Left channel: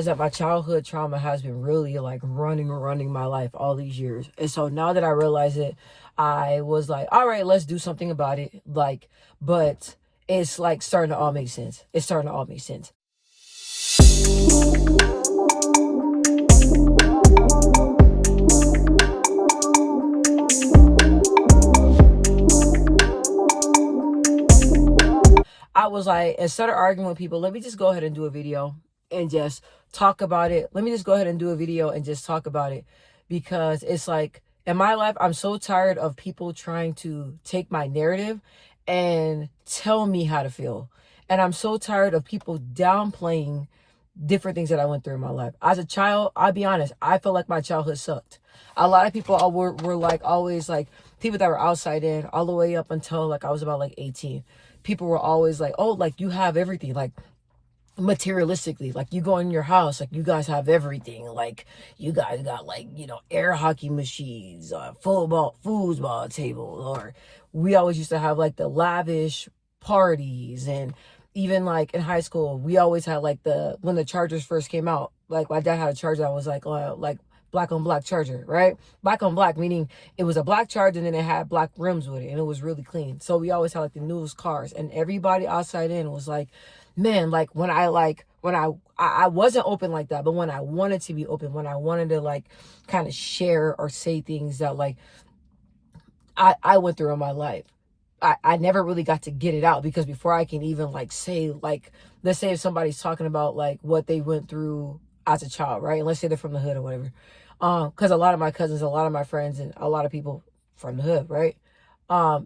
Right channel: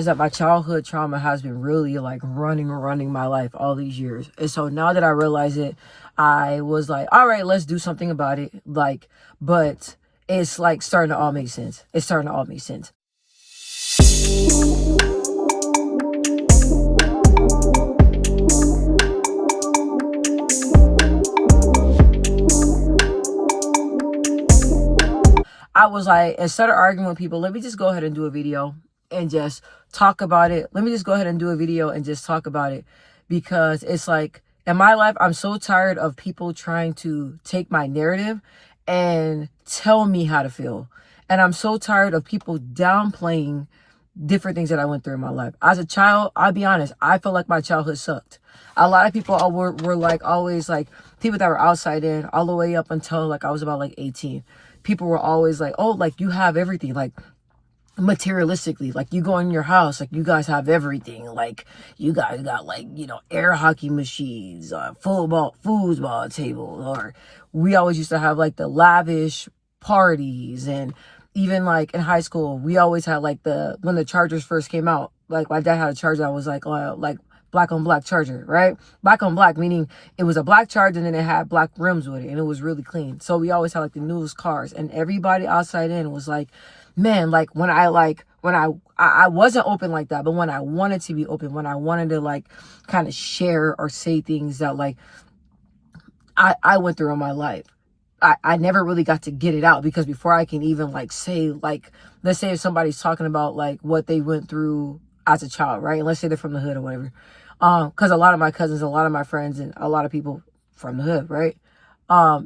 realized that my childhood trauma has been really like running my life all these years. And so now that I realize it, I was like, all right, let's do something about it. Like, but it's like starting to all make sense. It's starting to all make sense. I was like, instead of arguing with people, let me just go ahead and do a video and just talk about it. Let me just go ahead and do a video and just talk about it, because it's like in my life, I'm so tired of people trying to take my narrative and tell me how to feel. And I'm so tired of people downplaying different things that I went through in my life. As a child, I'll be honest, I felt like my childhood sucked. A lot of people were like always like people that were outside in all the way up until like I was about like 18. People were always like, oh, like you have everything, like materialistically, like you go in your house, like you guys have everything, like you guys got like, you know, air hockey machines, foosball tables, or we always used to have like the lavish parties. And even like in high school, we always had like when the Chargers first came out, like my dad had a Charger that was like black on black Charger, right? Black on black, meaning it was a black Charger and then it had black rims with it and it was really clean. So we always had like the newest cars, and everybody outside in was like, man, like when I wasn't open like that, but when I wanted to be open, when I wanted to like kind of share or say things that like I went through in my life, I never really got to get it out, because before I can even like say, like, let's say if somebody's talking about like what they went through as a child, right? And let's say they're from the hood or whatever. Because a lot of my cousins, a lot of my friends, and a lot of people from the hood, right?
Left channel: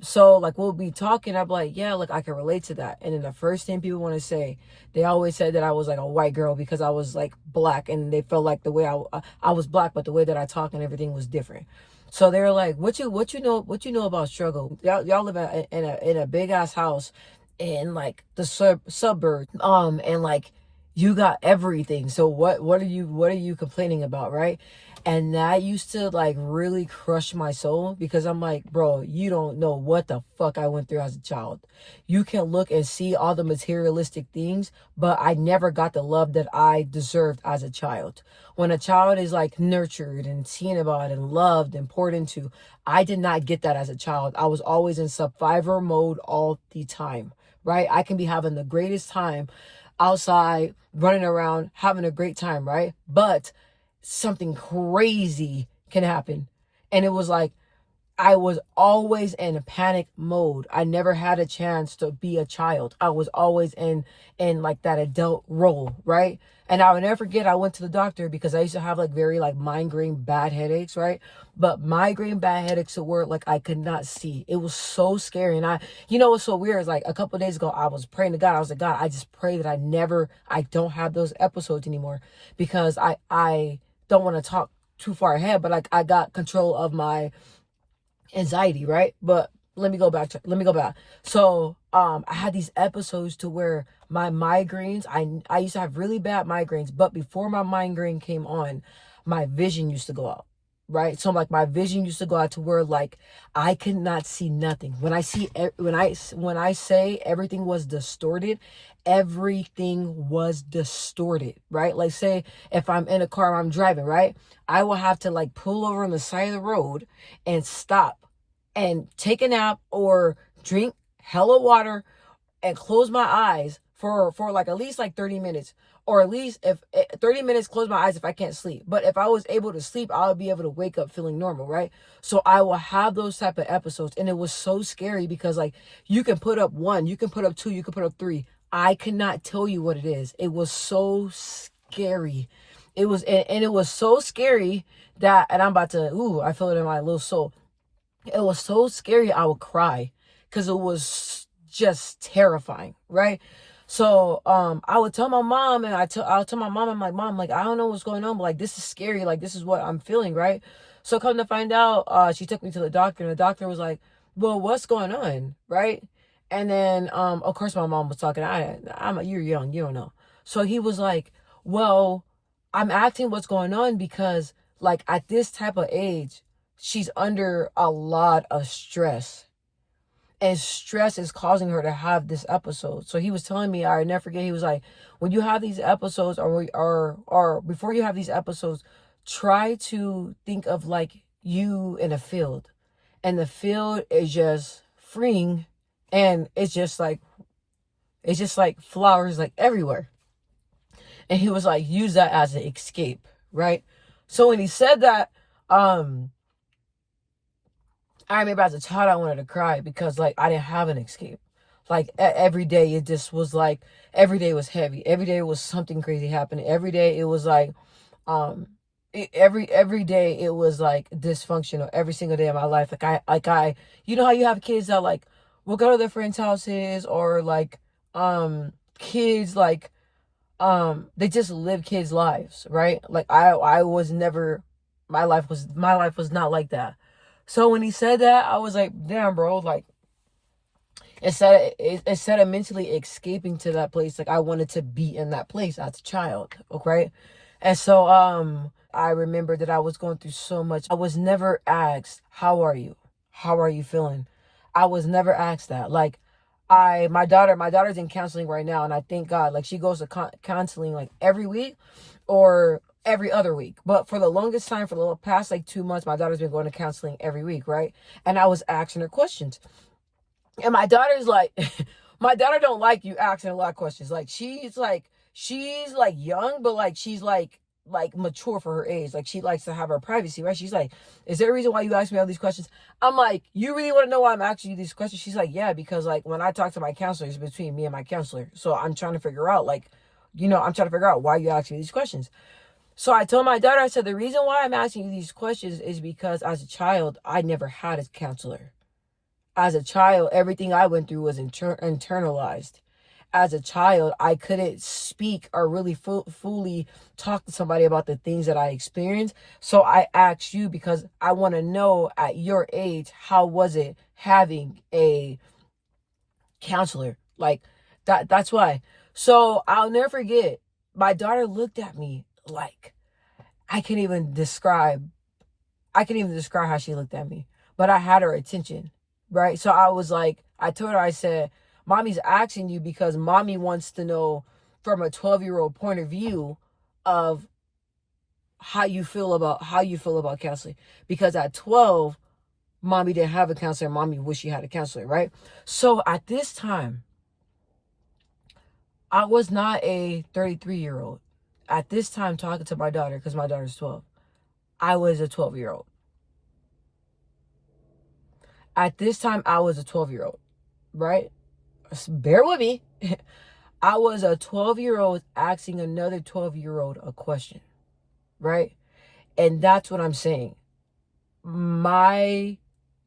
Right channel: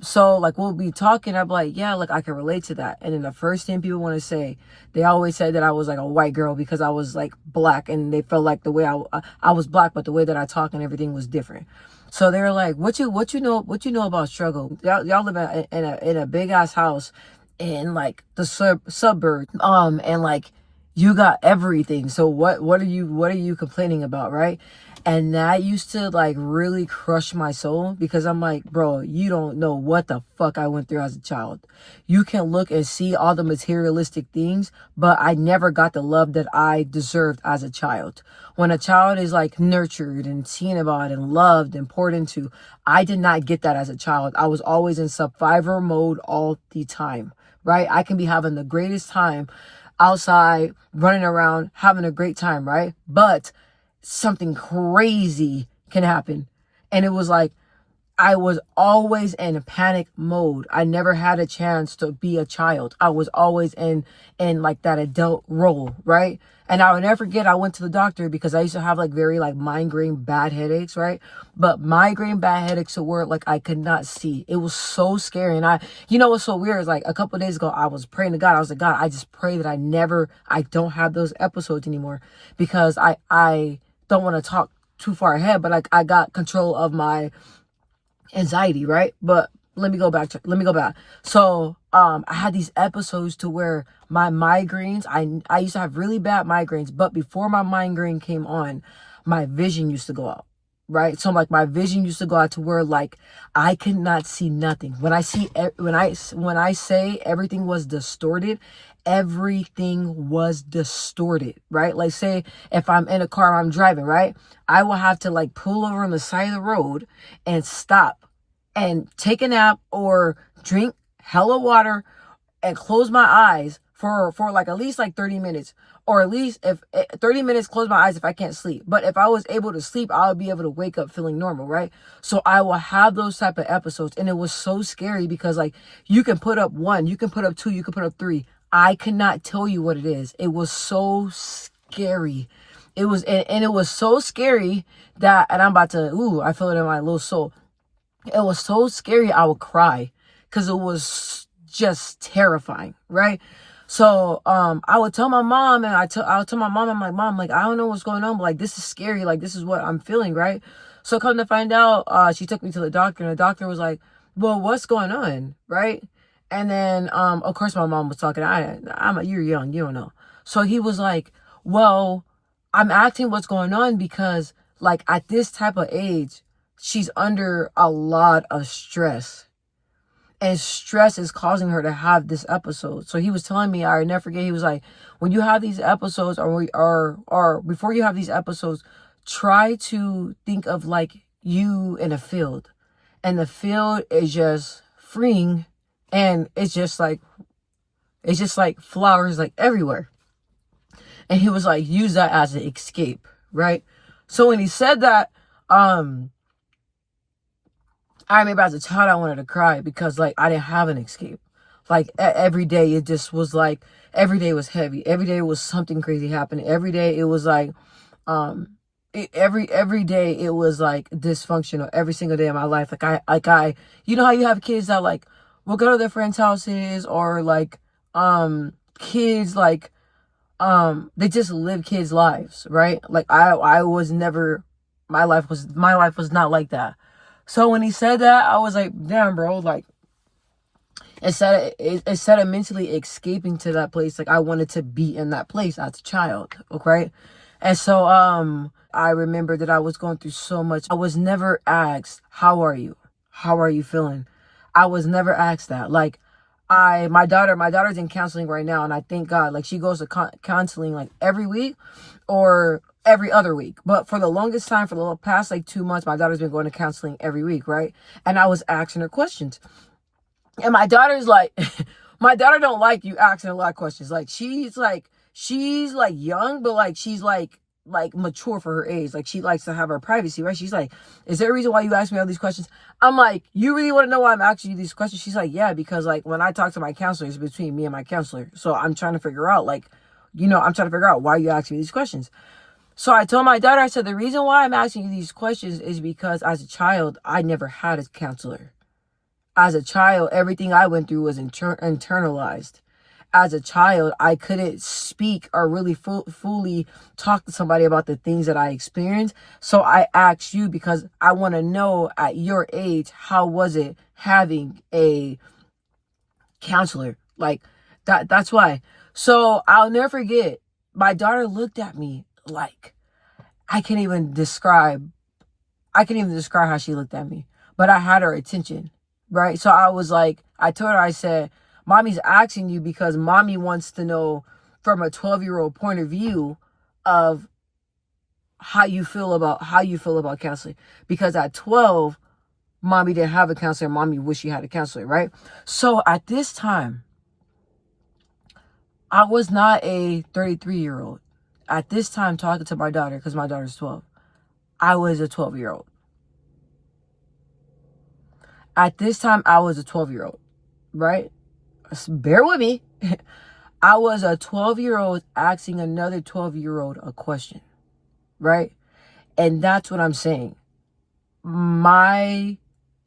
So like we'll be talking, I'm like, yeah, like I can relate to that. And then the first thing people want to say, they always said that I was like a white girl because I was like black, and they felt like the way I was black, but the way that I talk and everything was different. So they were like, what you know about struggle? Y'all live in a big ass house in like the suburb, and like you got everything. So what are you complaining about, right? And that used to like really crush my soul, because I'm like, bro, you don't know what the fuck I went through as a child. You can look and see all the materialistic things, but I never got the love that I deserved as a child. When a child is like nurtured and seen about and loved and poured into, I did not get that as a child. I was always in survivor mode all the time, right? I can be having the greatest time outside, running around, having a great time, right? But something crazy can happen. And it was like, I was always in a panic mode. I never had a chance to be a child. I was always in like that adult role, right? And I would never forget, I went to the doctor because I used to have like very like migraine bad headaches, right? But migraine bad headaches were like I could not see. It was so scary. And you know what's so weird is like a couple of days ago, I was praying to God. I was like, God, I just pray that I don't have those episodes anymore, because I don't want to talk too far ahead, but like I got control of my anxiety, right? But let me go back. So I had these episodes to where my migraines, I used to have really bad migraines, but before my migraine came on, my vision used to go out, right? So like my vision used to go out to where like I could not see nothing. When I say everything was distorted, everything was distorted, right? Like say if I'm in a car, I'm driving, right? I will have to like pull over on the side of the road and stop and take a nap or drink hella water and close my eyes for like at least like 30 minutes, or at least if 30 minutes, close my eyes if I can't sleep. But if I was able to sleep, I would be able to wake up feeling normal, right? So I will have those type of episodes, and it was so scary because like you can put up 1, you can put up 2, you can put up 3. I cannot tell you what it is. It was so scary. It was, and it was so scary that, and I'm about to, I feel it in my little soul. It was so scary, I would cry because it was just terrifying, right? So I would tell my mom, and I would tell my mom, I'm like, Mom, like, I don't know what's going on, but like, this is scary. Like, this is what I'm feeling, right? So come to find out, she took me to the doctor, and the doctor was like, well, what's going on, right? And then, of course, my mom was talking. You're young, you don't know. So he was like, well, I'm asking what's going on because like at this type of age, she's under a lot of stress. And stress is causing her to have this episode. So he was telling me, I never forget, he was like, when you have these episodes, or before you have these episodes, try to think of like you in a field. And the field is just freeing, and it's just like flowers like everywhere. And he was like, use that as an escape, right? So when he said that, I remember as a child, I wanted to cry because like I didn't have an escape. Like every day, it just was like, every day was heavy. Every day was something crazy happening. Every day it was like, every day it was like dysfunctional. Every single day of my life, you know how you have kids that like will go to their friends' houses, or like, kids like, they just live kids' lives, right? Like I was never, my life was not like that. So when he said that, I was like, damn, bro, like, instead of mentally escaping to that place, like I wanted to be in that place as a child, okay? And so I remember that I was going through so much. I was never asked, how are you? How are you feeling? I was never asked that. Like, my daughter's in counseling right now, and I thank God, like she goes to counseling like every week or every other week. But for the longest time, for the past like 2 months, my daughter's been going to counseling every week, right? And I was asking her questions. And my daughter's like, my daughter don't like you asking a lot of questions. Like she's like young, but like she's like mature for her age. Like she likes to have her privacy, right? She's like, is there a reason why you ask me all these questions? I'm like, you really want to know why I'm asking you these questions? She's like, yeah, because like when I talk to my counselor, it's between me and my counselor. So I'm trying to figure out like, I'm trying to figure out why you asking me these questions. So I told my daughter, I said, the reason why I'm asking you these questions is because as a child, I never had a counselor. As a child, everything I went through was internalized. As a child, I couldn't speak or really fully talk to somebody about the things that I experienced. So I asked you because I want to know at your age, how was it having a counselor? Like that's why. So I'll never forget, my daughter looked at me like, I can't even describe how she looked at me, but I had her attention, right? So I was like, I told her, I said, mommy's asking you because mommy wants to know from a 12-year-old point of view of how you feel about counseling. Because at 12, mommy didn't have a counselor. Mommy wished she had a counselor, right? So at this time, I was not a 33-year-old. At this time, talking to my daughter, because my daughter's 12, I was a 12-year-old. At this time, I was a 12-year-old, right? Bear with me. I was a 12-year-old asking another 12-year-old a question, right? And that's what I'm saying. My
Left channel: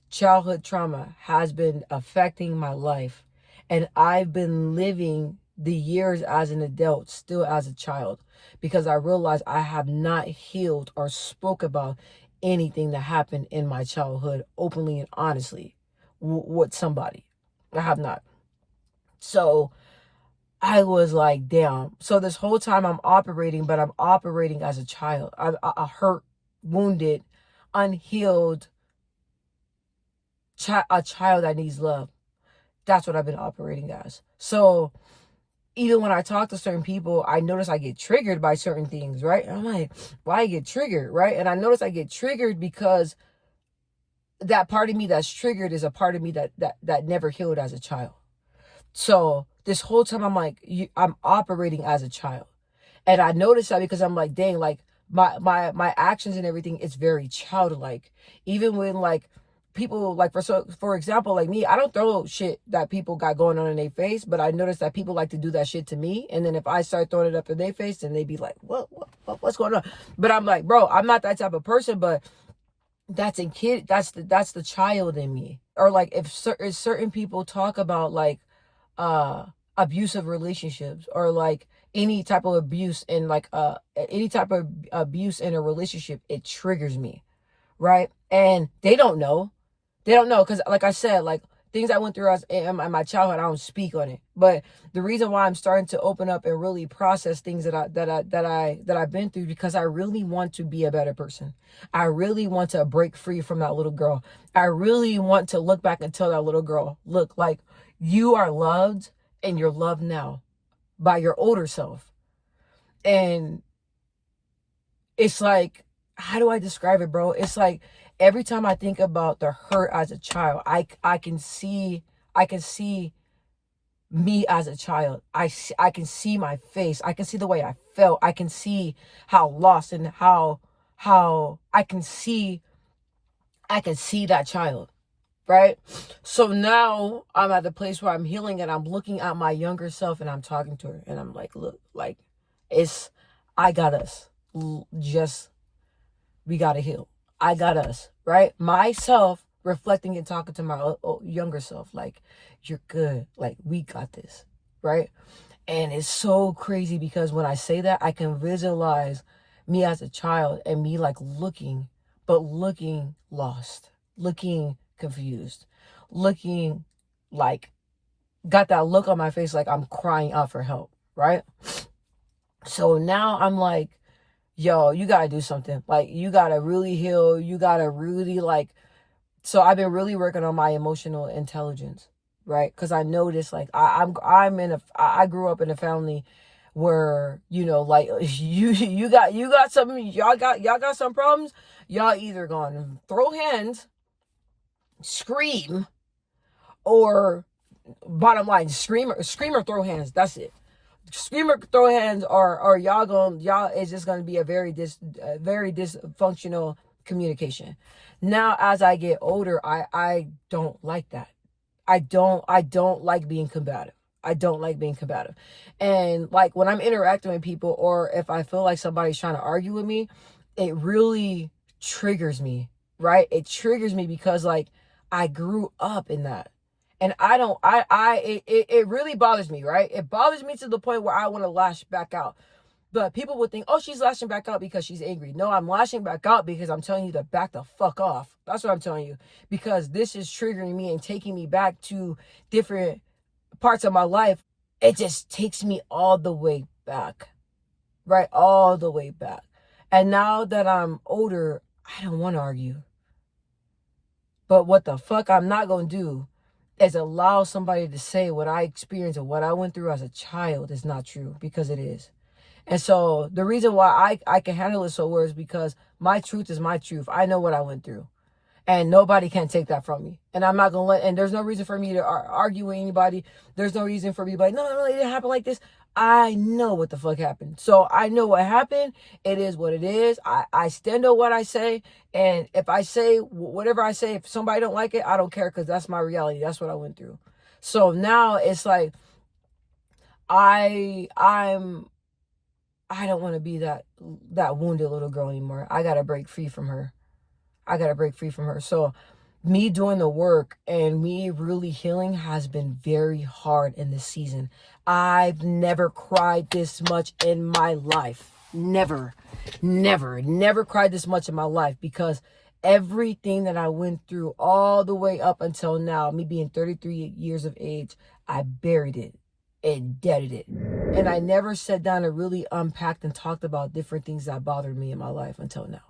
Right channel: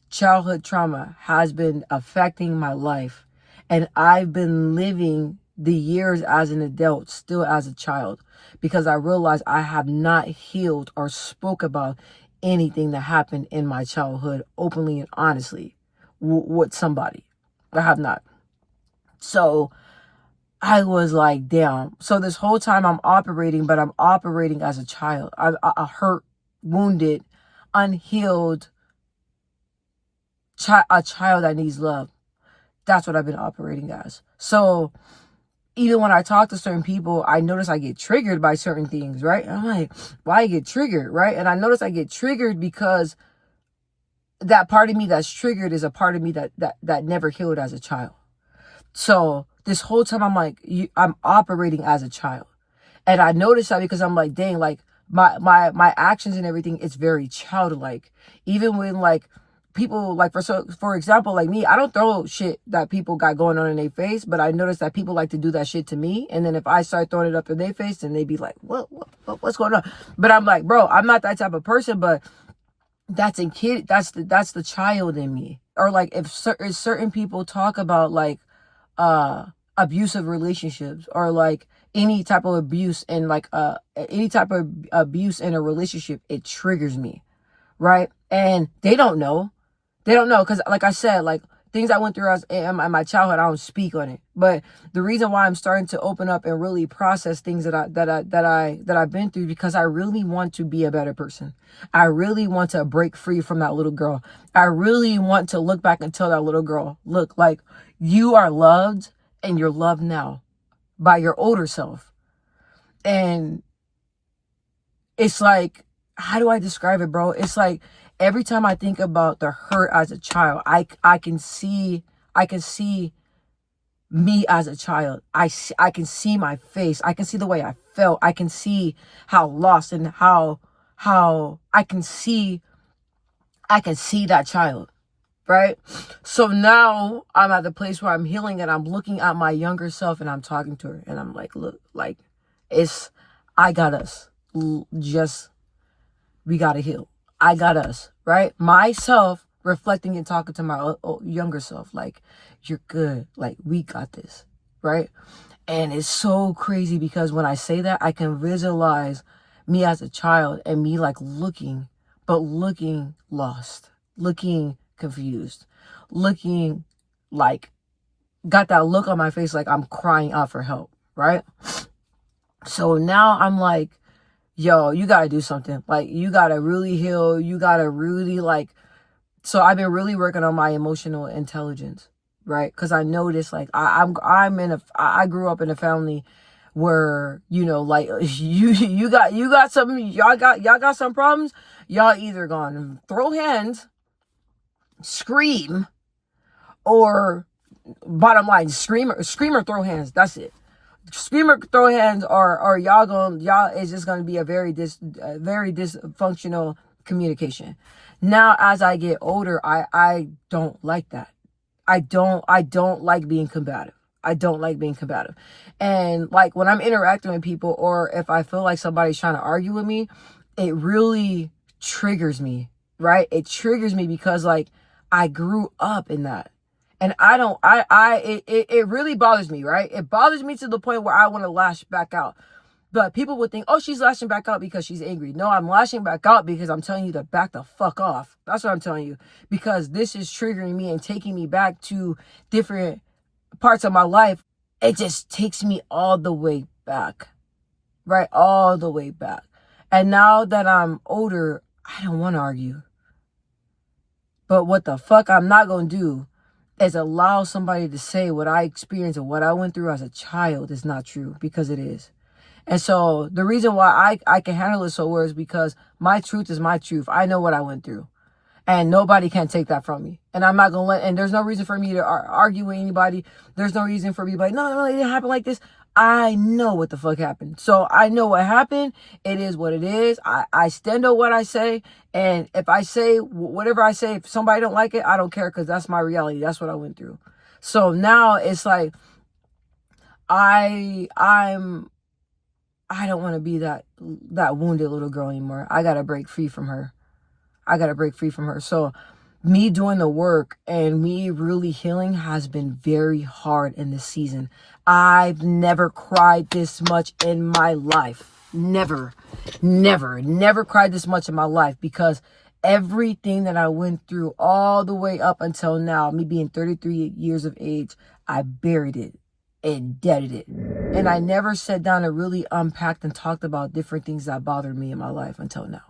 childhood trauma has been affecting my life, and I've been living the years as an adult still as a child, because I realized I have not healed or spoke about anything that happened in my childhood openly and honestly with somebody. I have not. So I was like, damn. So this whole time I'm operating, but I'm operating as a child. A hurt, wounded, unhealed a child that needs love. That's what I've been operating as. So even when I talk to certain people, I notice I get triggered by certain things, right? And I'm like, why I get triggered, right? And I notice I get triggered because that part of me that's triggered is a part of me that never healed as a child. So this whole time I'm like, I'm operating as a child. And I noticed that because I'm like, dang, like my actions and everything, it's very childlike. Even when like people, like for example, like me, I don't throw shit that people got going on in their face, but I notice that people like to do that shit to me. And then if I start throwing it up in their face, then they be like, what's going on? But I'm like, bro, I'm not that type of person, but that's the child in me. Or like if certain people talk about like abusive relationships, or like any type of abuse in like any type of abuse in a relationship, it triggers me, right? And they don't know because like I said, like things I went through as in my childhood, I don't speak on it. But the reason why I'm starting to open up and really process things that I've been through, because I really want to be a better person. I really want to break free from that little girl. I really want to look back and tell that little girl, look, like, you are loved, and you're loved now by your older self. And it's like, how do I describe it, bro? It's like every time I think about the hurt as a child, I can see me as a child. I can see my face. I can see the way I felt. I can see how lost and how I can see that child, right? So now I'm at the place where I'm healing, and I'm looking at my younger self, and I'm talking to her, and I'm like, look, like, I got us. Just, we got to heal. I got us, right? Myself reflecting and talking to my younger self, like, you're good. Like, we got this, right? And it's so crazy because when I say that, I can visualize me as a child and me like looking lost, looking confused, looking like, got that look on my face like I'm crying out for help, right? So now I'm like, yo, you gotta do something. Like, you gotta really heal. You gotta really like, so I've been really working on my emotional intelligence, right? Because I noticed, like, I grew up in a family where, you know, like, you got something, y'all got some problems. Y'all either gonna throw hands, scream, or bottom line, scream or throw hands. That's it. Scream or throw hands, or y'all is just gonna be a very dysfunctional communication. Now, as I get older, I don't like that. I don't like being combative. I don't like being combative. And like when I'm interacting with people, or if I feel like somebody's trying to argue with me, it really triggers me, right? It triggers me because like I grew up in that. And it really bothers me, right? It bothers me to the point where I want to lash back out. But people would think, oh, she's lashing back out because she's angry. No, I'm lashing back out because I'm telling you to back the fuck off. That's what I'm telling you. Because this is triggering me and taking me back to different parts of my life. It just takes me all the way back, right? All the way back. And now that I'm older, I don't want to argue. But what the fuck I'm not going to do is allow somebody to say what I experienced or what I went through as a child is not true, because it is. And so the reason why I can handle it so well is because my truth is my truth. I know what I went through, and nobody can take that from me. And I'm not going to and there's no reason for me to argue with anybody. There's no reason for me to be like, no, it didn't happen like this. I know what the fuck happened. So I know what happened. It is what it is. I stand on what I say. And if I say whatever I say, if somebody don't like it, I don't care, because that's my reality. That's what I went through. So now it's like, I don't want to be that wounded little girl anymore. I got to break free from her. So me doing the work and me really healing has been very hard in this season. I've never cried this much in my life. Never cried this much in my life, because everything that I went through all the way up until now, me being 33 years of age, I buried it and deaded it. And I never sat down and really unpacked and talked about different things that bothered me in my life until now.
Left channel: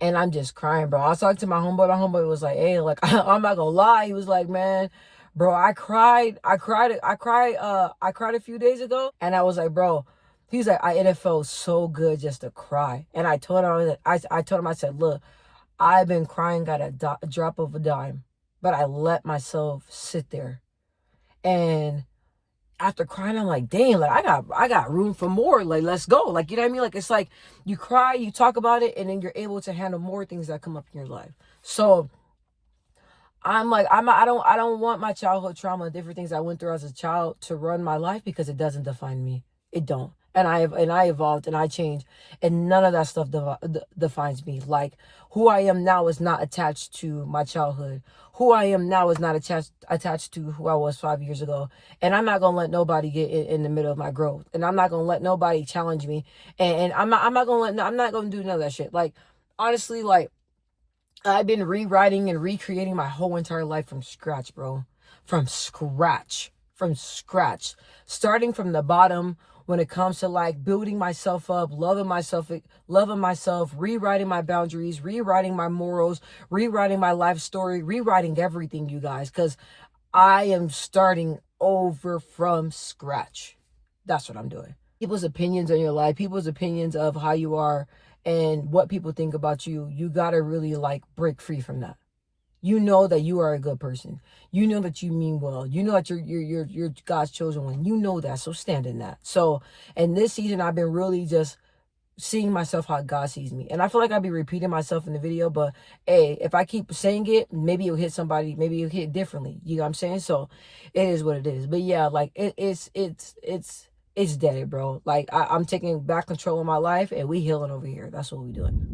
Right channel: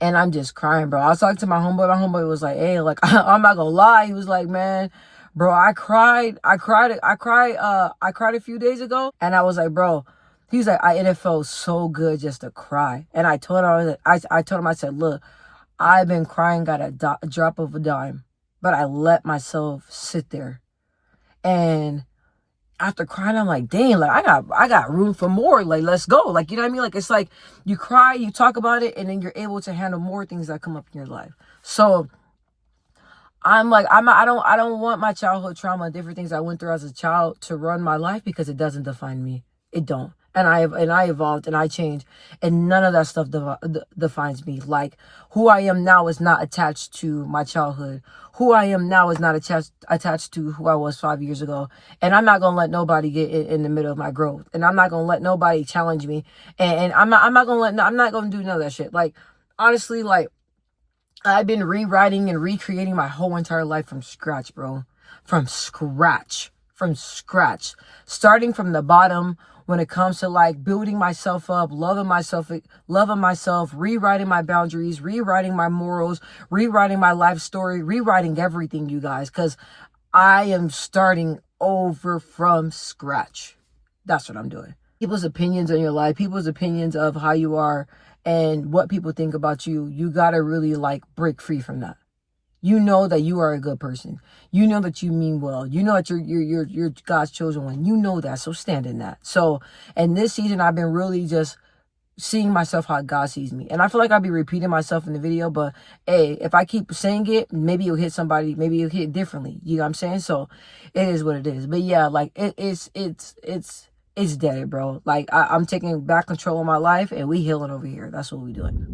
And I'm just crying, bro. I was talking to my homeboy. My homeboy was like, hey, like, I'm not gonna lie. He was like, man, bro, I cried a few days ago. And I was like, bro, he was like, it felt so good just to cry. And I told him, I said, look, I've been crying at a drop of a dime, but I let myself sit there. And after crying, I'm like, dang, like I got room for more. Like, let's go. Like, you know what I mean? Like, it's like you cry, you talk about it, and then you're able to handle more things that come up in your life. So I'm like, I don't want my childhood trauma, different things I went through as a child, to run my life, because it doesn't define me. It don't. And I evolved and I changed, and none of that stuff defines me. Like, who I am now is not attached to my childhood. Who I am now is not attached to who I was 5 years ago. And I'm not gonna let nobody get in the middle of my growth. And I'm not gonna let nobody challenge me. And I'm not gonna do none of that shit. Like, honestly, like, I've been rewriting and recreating my whole entire life from scratch, bro. From scratch. From scratch. Starting from the bottom when it comes to like building myself up, loving myself, rewriting my boundaries, rewriting my morals, rewriting my life story, rewriting everything, you guys, because I am starting over from scratch. That's what I'm doing. People's opinions on your life, people's opinions of how you are, and what people think about you, you gotta really like break free from that. You know that you are a good person. You know that you mean well. You know that you're God's chosen one. You know that, so stand in that. So, and this season, I've been really just seeing myself how God sees me. And I feel like I'll be repeating myself in the video, but hey, if I keep saying it, maybe it'll hit somebody, maybe it'll hit differently. You know what I'm saying? So it is what it is. But yeah, like it's dead, bro. Like I'm taking back control of my life and we healing over here. That's what we doing.